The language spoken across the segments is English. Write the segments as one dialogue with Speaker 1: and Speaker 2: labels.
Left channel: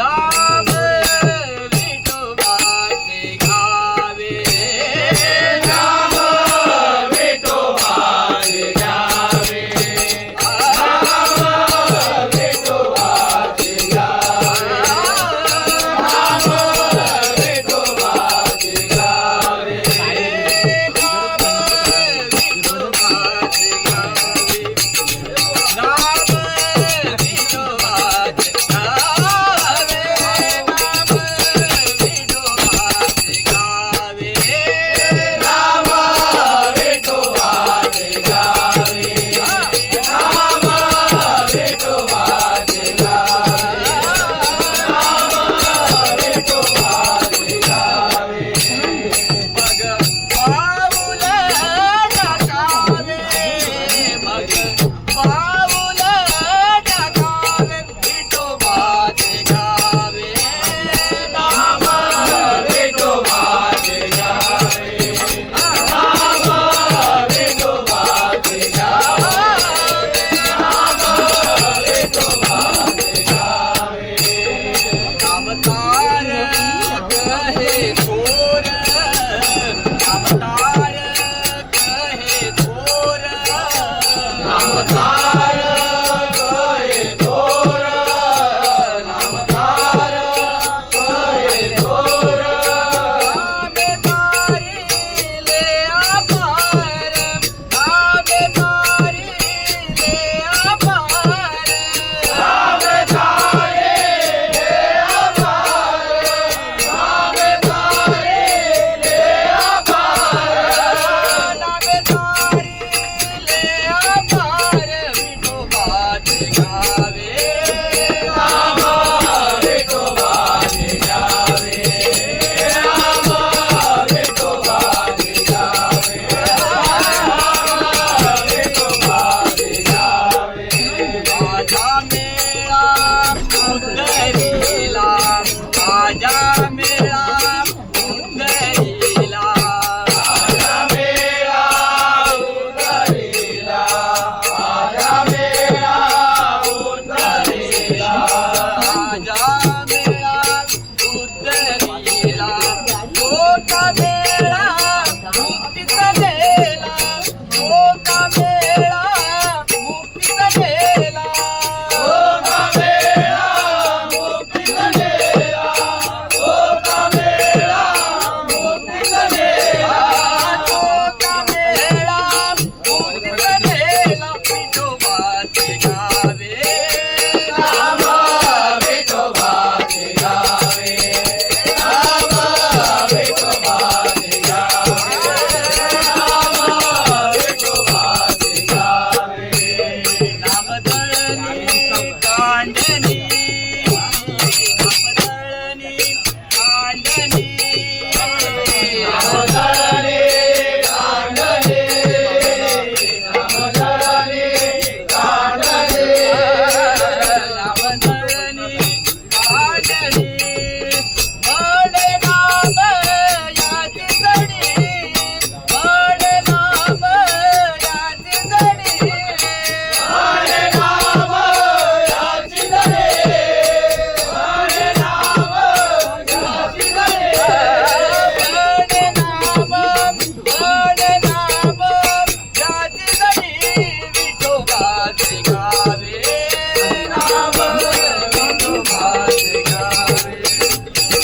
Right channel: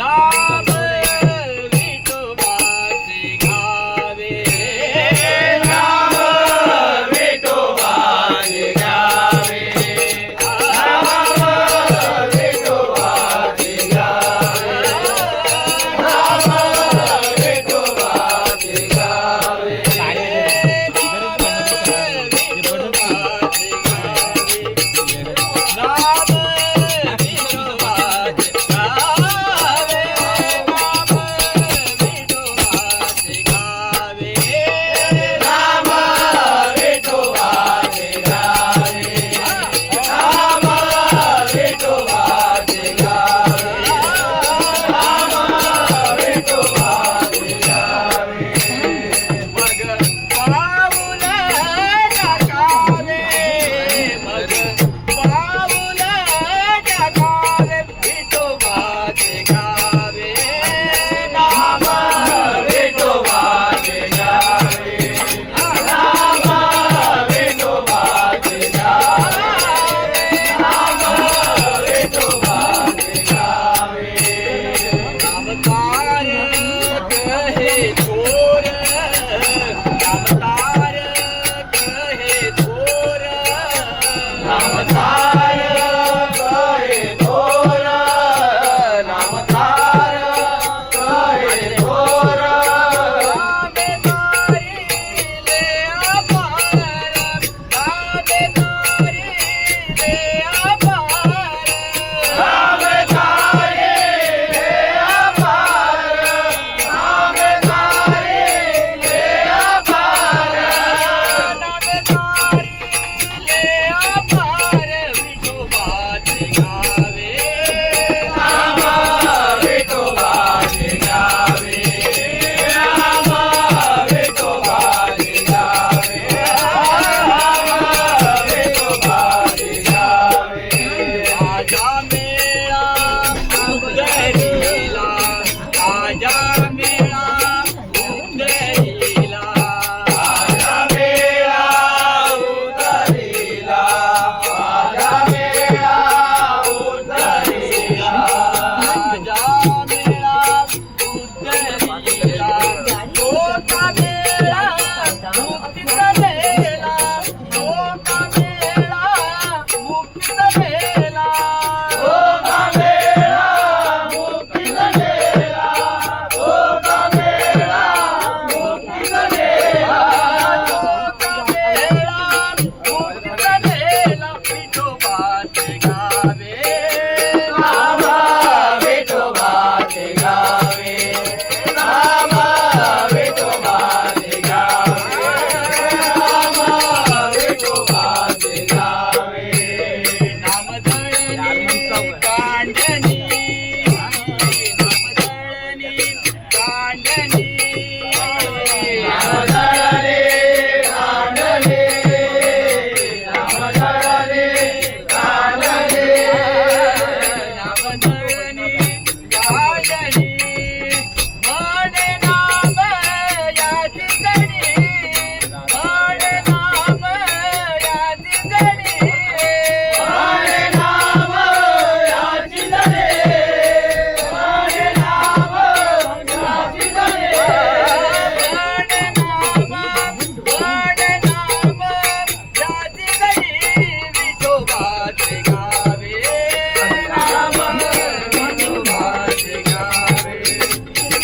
Speaker 1: Bye. அவதார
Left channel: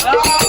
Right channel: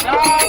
Speaker 1: No.